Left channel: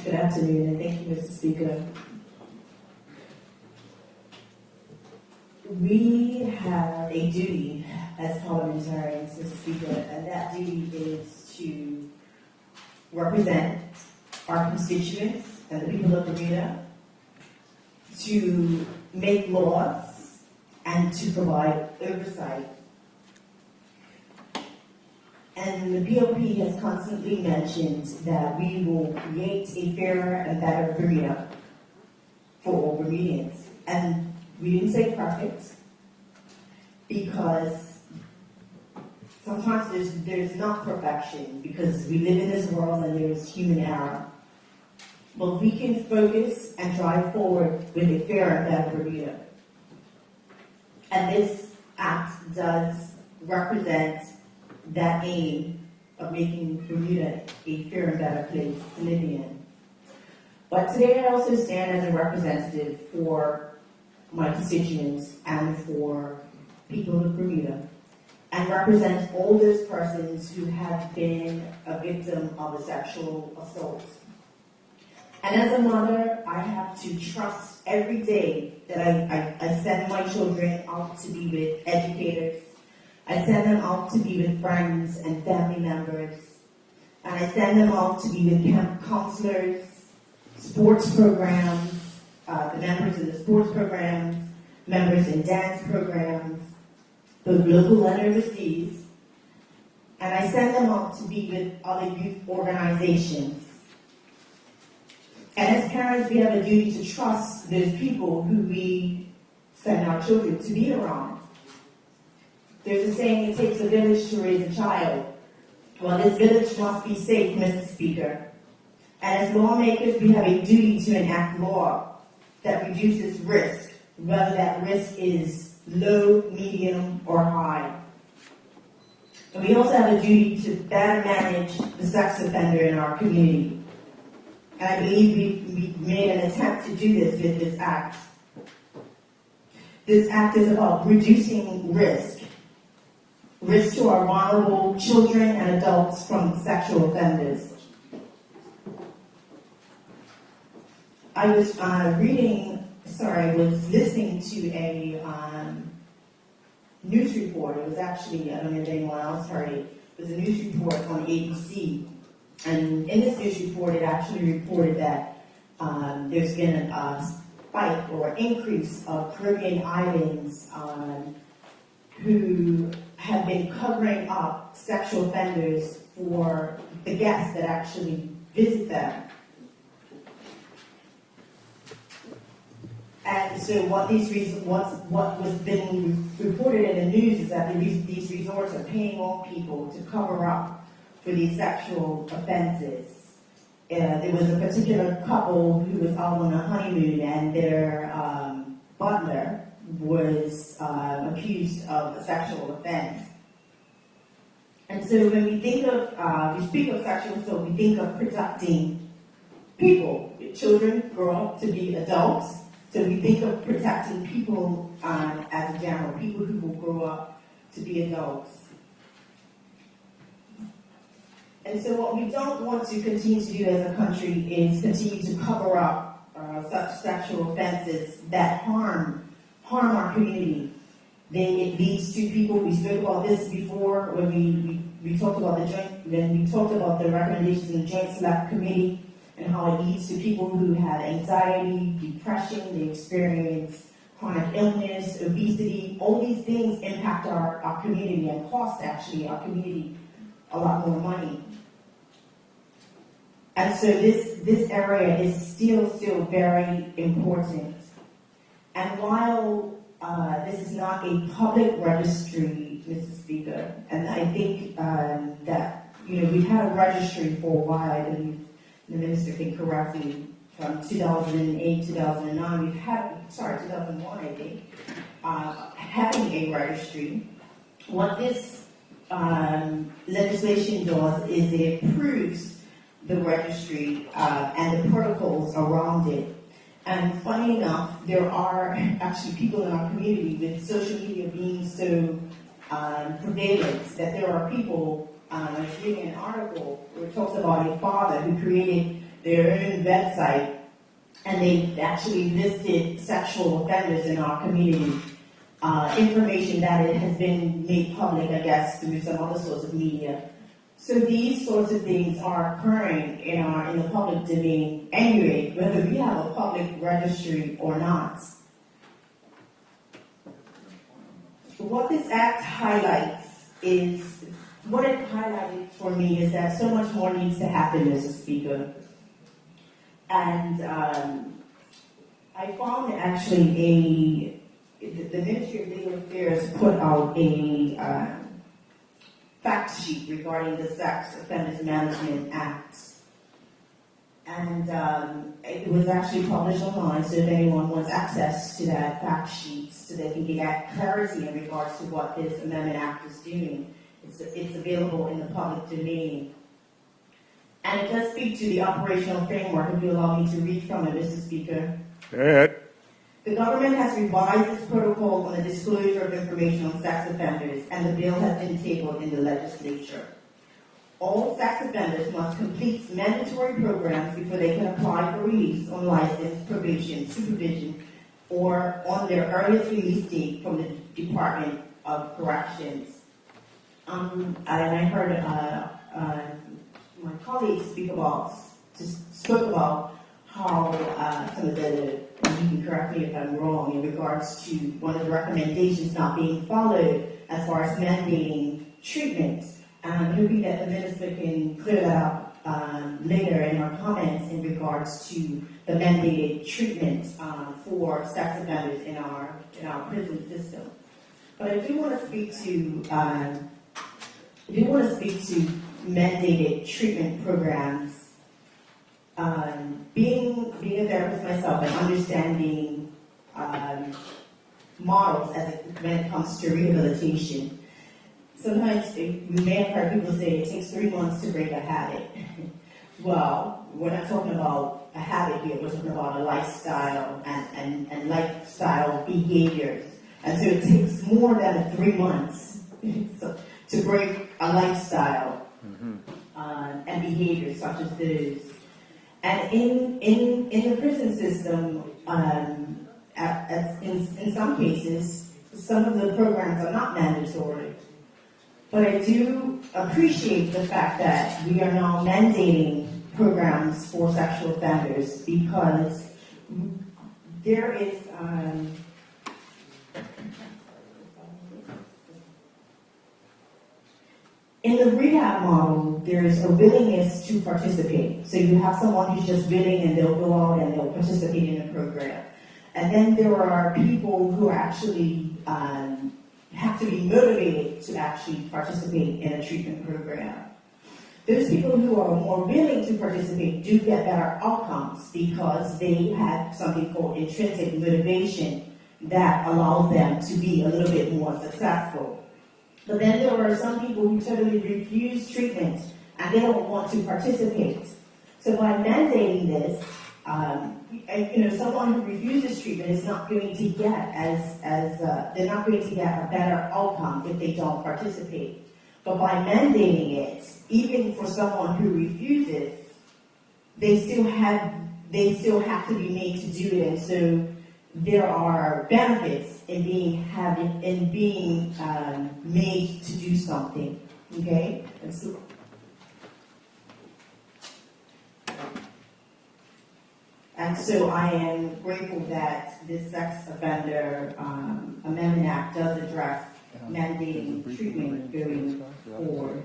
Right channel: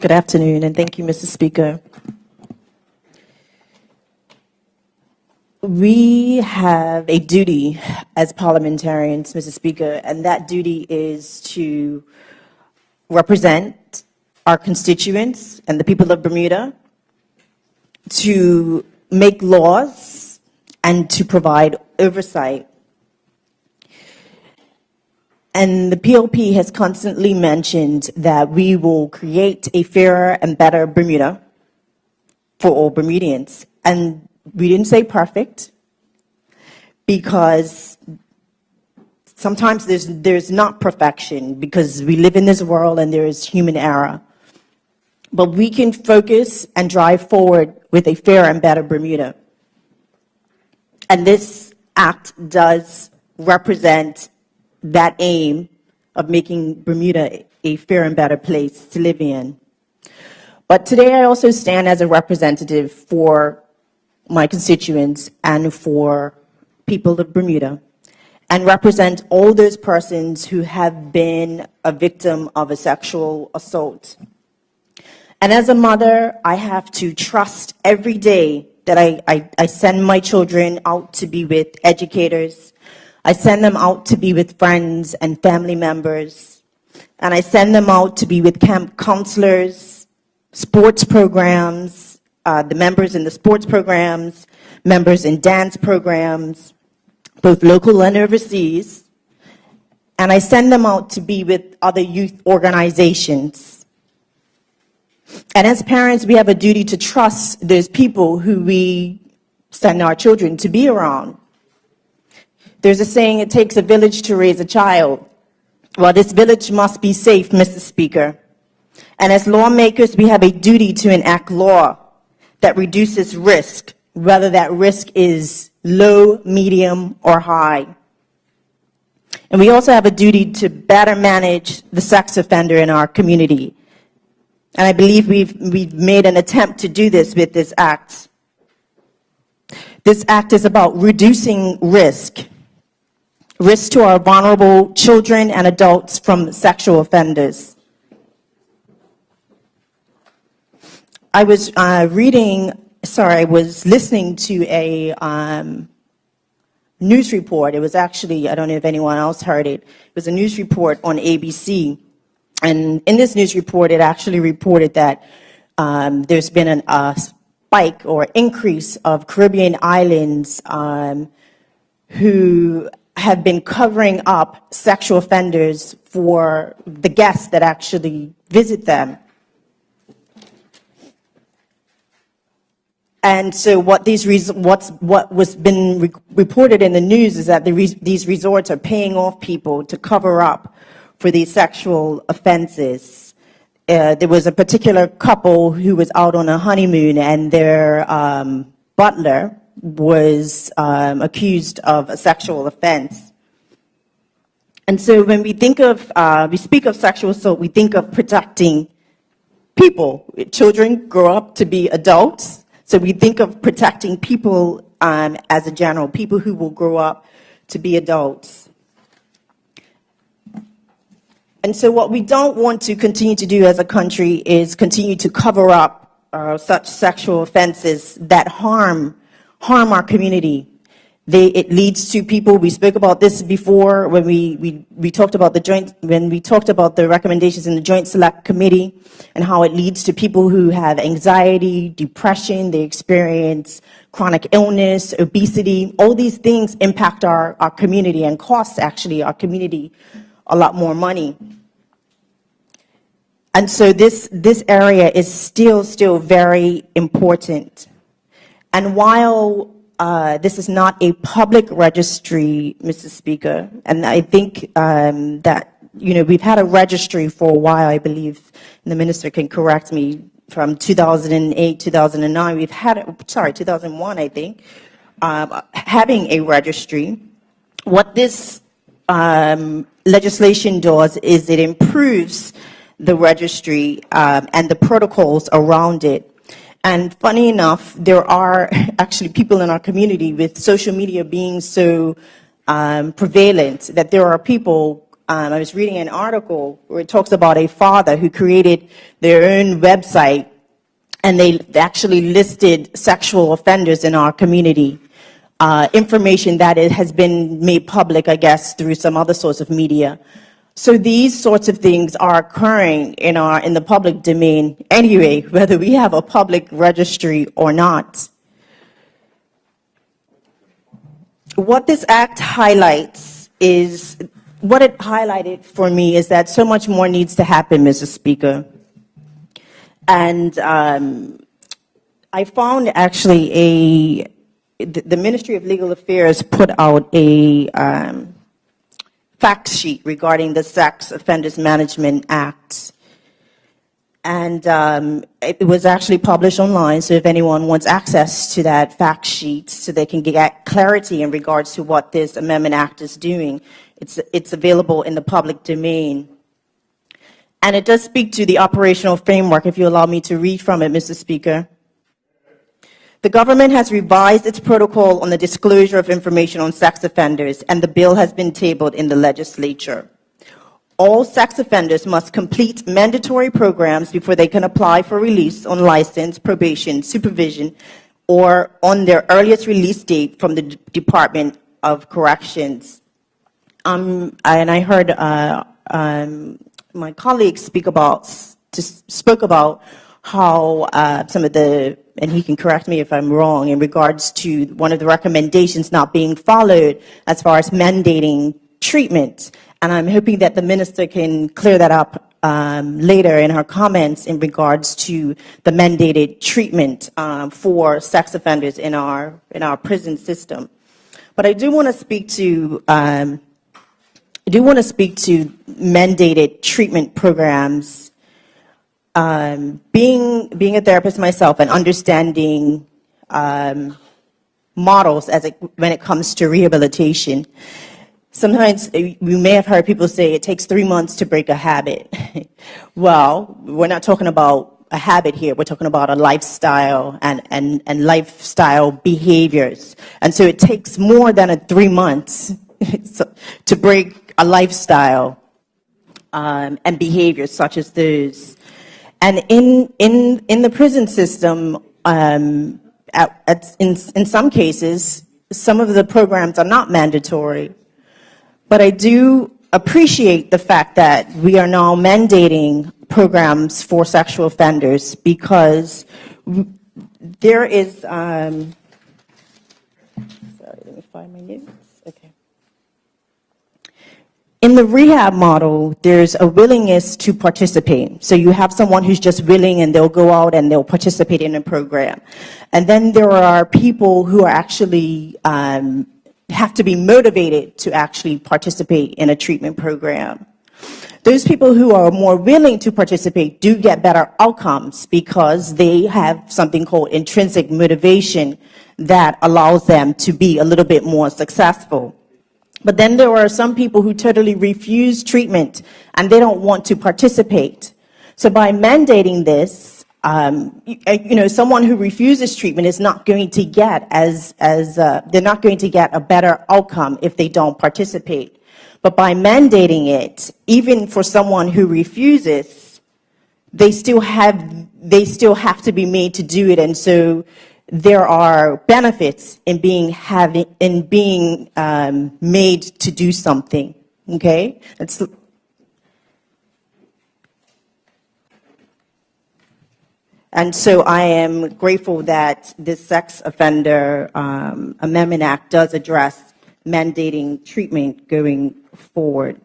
Good afternoon, and thank you, Mr. Speaker. We have a duty as parliamentarians, Mr. Speaker, and that duty is to represent our constituents and the people of Bermuda, to make laws, and to provide oversight. And the POP has constantly mentioned that we will create a fairer and better Bermuda for all Bermudians. And we didn't say perfect, because sometimes there's not perfection, because we live in this world and there is human error. But we can focus and drive forward with a fairer and better Bermuda. And this act does represent that aim of making Bermuda a fair and better place to live in. But today I also stand as a representative for my constituents and for people of Bermuda, and represent all those persons who have been a victim of a sexual assault. And as a mother, I have to trust every day that I send my children out to be with educators. I send them out to be with friends and family members. And I send them out to be with camp counselors, sports programs, the members in the sports programs, members in dance programs, both local and overseas. And I send them out to be with other youth organizations. And as parents, we have a duty to trust those people who we send our children to be around. There's a saying, it takes a village to raise a child. Well, this village must be safe, Mr. Speaker. And as lawmakers, we have a duty to enact law that reduces risk, whether that risk is low, medium, or high. And we also have a duty to better manage the sex offender in our community. And I believe we've made an attempt to do this with this act. This act is about reducing risk to our vulnerable children and adults from sexual offenders. I was listening to a news report. It was actually, I don't know if anyone else heard it. It was a news report on ABC. And in this news report, it actually reported that there's been a spike or increase of Caribbean islands who have been covering up sexual offenders for the guests that actually visit them. And so what was been reported in the news is that these resorts are paying off people to cover up for these sexual offenses. There was a particular couple who was out on a honeymoon, and their butler was accused of a sexual offense. And so when we think of, we speak of sexual assault, we think of protecting people. Children grow up to be adults, so we think of protecting people as a general, people who will grow up to be adults. And so what we don't want to continue to do as a country is continue to cover up such sexual offenses that harm our community. It leads to people, we spoke about this before when we talked about the recommendations in the Joint Select Committee, and how it leads to people who have anxiety, depression, they experience chronic illness, obesity. All these things impact our community and cost actually our community a lot more money. And so this area is still very important. And while this is not a public registry, Mr. Speaker, and I think that, we've had a registry for a while, I believe, and the minister can correct me, from 2008, 2009, 2001, I think, having a registry. What this legislation does is it improves the registry and the protocols around it. And funny enough, there are actually people in our community, with social media being so prevalent, that there are people, I was reading an article where it talks about a father who created their own website, and they actually listed sexual offenders in our community. Information that it has been made public, I guess, through some other source of media. So these sorts of things are occurring in the public domain anyway, whether we have a public registry or not. What this act highlights is, what it highlighted for me is that so much more needs to happen, Mr. Speaker. And I found actually the Ministry of Legal Affairs put out a fact sheet regarding the Sex Offenders Management Act. And it was actually published online, so if anyone wants access to that fact sheet so they can get clarity in regards to what this Amendment Act is doing, it's available in the public domain. And it does speak to the operational framework, if you allow me to read from it, Mr. Speaker. Go ahead. The government has revised its protocol on the disclosure of information on sex offenders, and the bill has been tabled in the legislature. All sex offenders must complete mandatory programs before they can apply for release on license, probation, supervision, or on their earliest release date from the Department of Corrections. And I heard my colleagues spoke about how some of the, and he can correct me if I'm wrong, in regards to one of the recommendations not being followed as far as mandating treatment. And I'm hoping that the minister can clear that up later in her comments in regards to the mandated treatment for sex offenders in our prison system. But I do want to speak to mandated treatment programs. Being a therapist myself and understanding models when it comes to rehabilitation. Sometimes we may have heard people say it takes 3 months to break a habit. Well, we're not talking about a habit here. We're talking about a lifestyle and lifestyle behaviors. And so it takes more than 3 months to break a lifestyle and behaviors such as those. And in the prison system, in some cases, some of the programs are not mandatory. But I do appreciate the fact that we are now mandating programs for sexual offenders, because there is, sorry, let me find my notes. Okay. In the rehab model, there's a willingness to participate. So you have someone who's just willing and they'll go out and they'll participate in a program. And then there are people who are actually have to be motivated to actually participate in a treatment program. Those people who are more willing to participate do get better outcomes because they have something called intrinsic motivation that allows them to be a little bit more successful. But then there are some people who totally refuse treatment and they don't want to participate. So by mandating this, someone who refuses treatment is not going to get they're not going to get a better outcome if they don't participate. But by mandating it, even for someone who refuses, they still have to be made to do it, and so there are benefits in being made to do something. Okay, and so I am grateful that this Sex Offender Amendment Act does address mandating treatment going forward.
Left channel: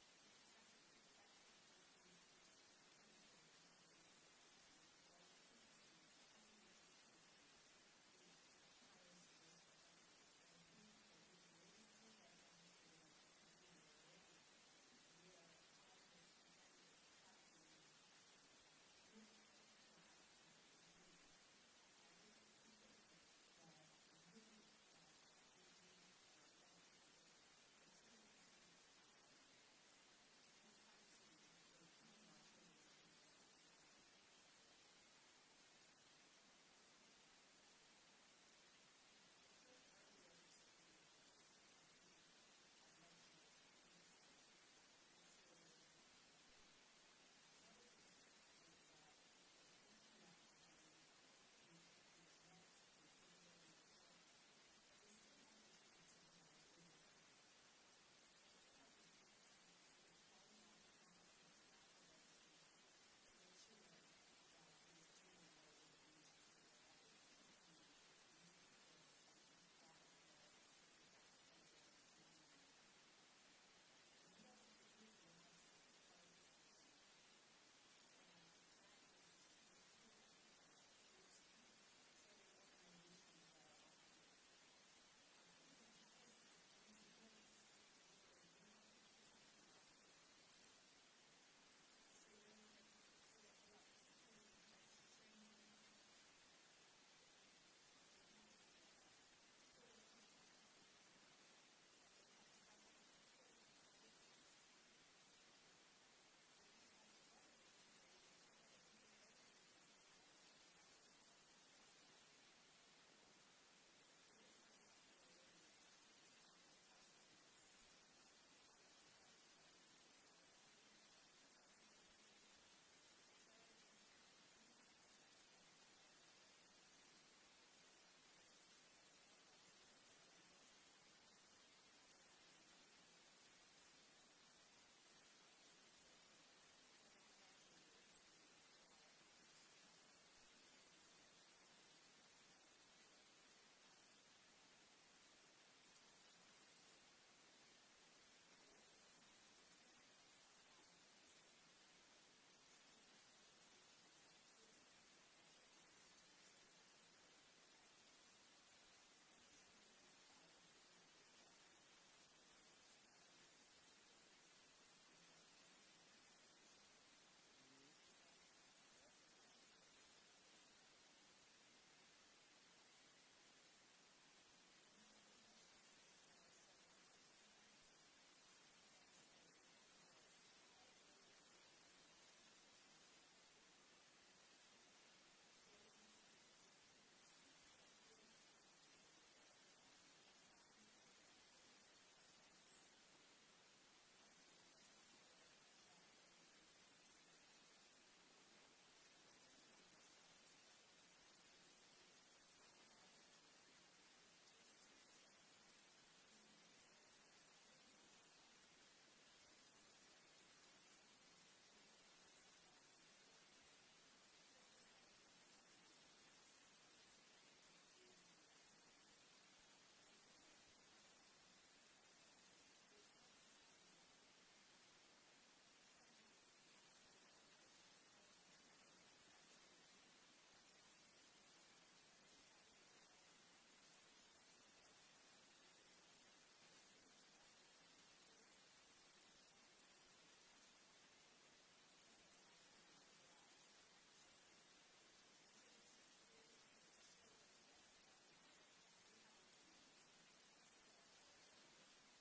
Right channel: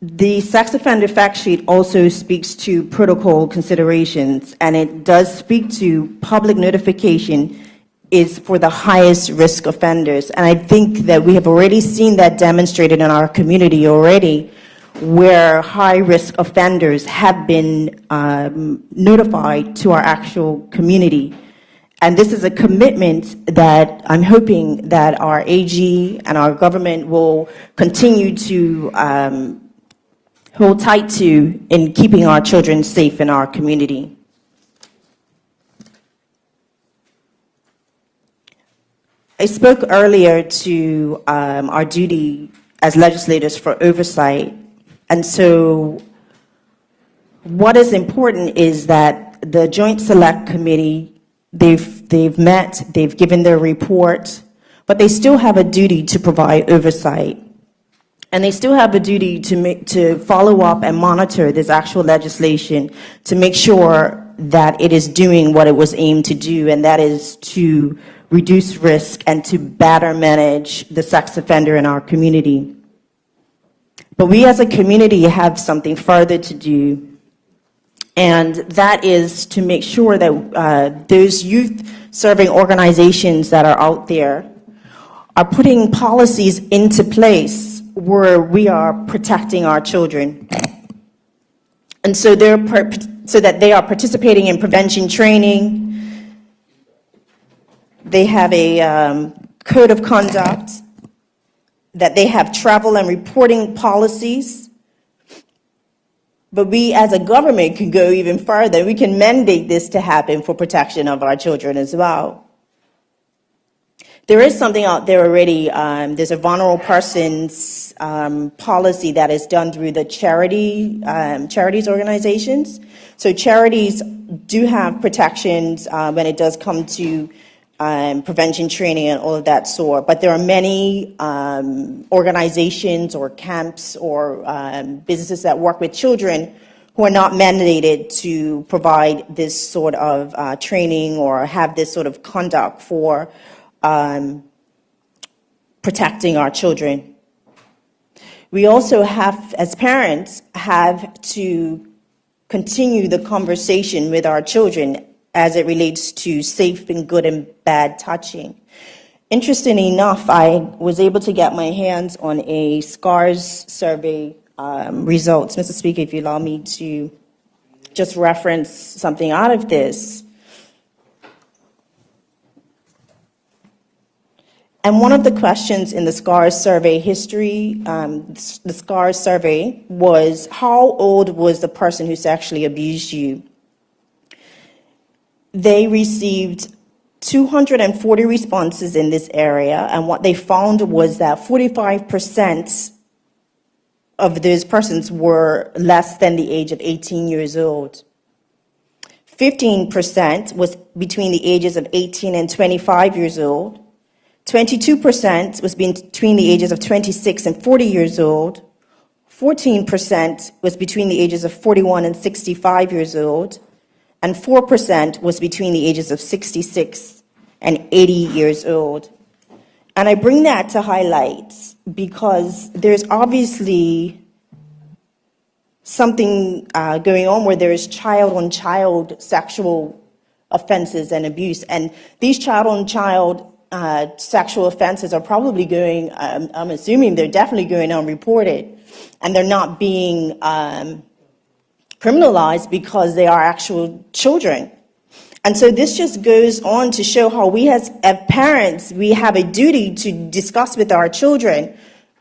The sex offender fact sheet also speaks to protocol considerations, and it does speak to public notification is for the highest risk offenders. And I think that we have already seen that demonstrated in our community already, where high-risk offenders have been notified to our actual community. And this is a commitment that I'm hoping that our AG and our government will continue to hold tight to in keeping our children safe in our community. I spoke earlier to our duty as legislators for oversight. And so what is important is that the Joint Select Committee, they've met, they've given their report, but they still have a duty to provide oversight. And they still have a duty to follow up and monitor this actual legislation to make sure that it is doing what it was aimed to do, and that is to reduce risk and to better manage the sex offender in our community. But we as a community have something further to do, and that is to make sure that those youth-serving organizations that are out there are putting policies into place where we are protecting our children. And so so that they are participating in prevention training. They have a code of conduct, that they have travel and reporting policies. But we as a government can go even further. We can mandate this to happen for protection of our children as well. There is something out there already. There's a vulnerable persons policy that is done through the charities organizations. So charities do have protections when it does come to prevention training and all of that sort. But there are many organizations or camps or businesses that work with children who are not mandated to provide this sort of training or have this sort of conduct for protecting our children. We also have, as parents, have to continue the conversation with our children as it relates to safe and good and bad touching. Interestingly enough, I was able to get my hands on a SCARS survey results. Mr. Speaker, if you allow me to just reference something out of this. And one of the questions in the SCARS survey history, the SCARS survey, was how old was the person who sexually abused you? They received 240 responses in this area, and what they found was that 45% of those persons were less than the age of 18 years old. 15% was between the ages of 18 and 25 years old. 22% was between the ages of 26 and 40 years old. 14% was between the ages of 41 and 65 years old. And 4% was between the ages of 66 and 80 years old. And I bring that to highlight because there's obviously something going on where there is child-on-child sexual offenses and abuse. And these child-on-child sexual offenses are probably going, I'm assuming they're definitely going unreported, and they're not being criminalized because they are actual children. And so this just goes on to show how we as parents, we have a duty to discuss with our children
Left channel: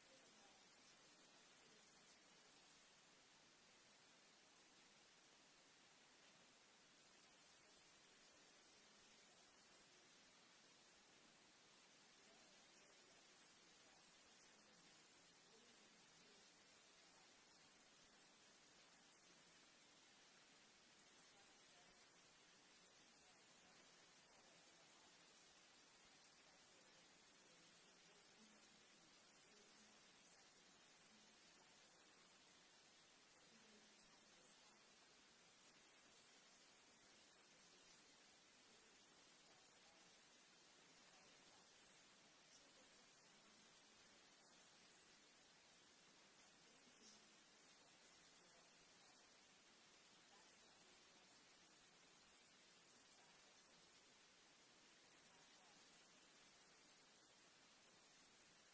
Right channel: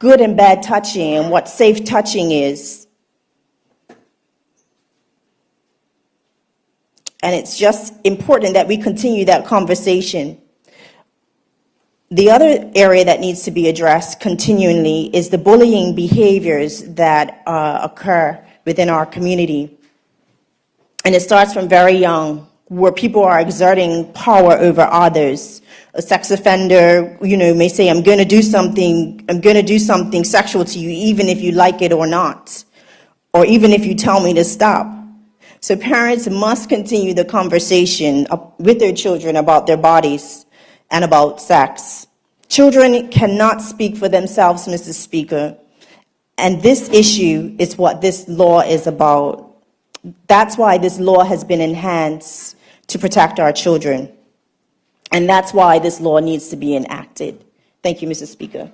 good and bad touching and what safe touching is. And it's just important that we continue that conversation. The other area that needs to be addressed continually is the bullying behaviors that occur within our community. And it starts from very young, where people are exerting power over others. A sex offender, may say, I'm going to do something sexual to you, even if you like it or not, or even if you tell me to stop. So parents must continue the conversation with their children about their bodies and about sex. Children cannot speak for themselves, Mr. Speaker, and this issue is what this law is about. That's why this law has been enhanced to protect our children, and that's why this law needs to be enacted. Thank you, Mr. Speaker.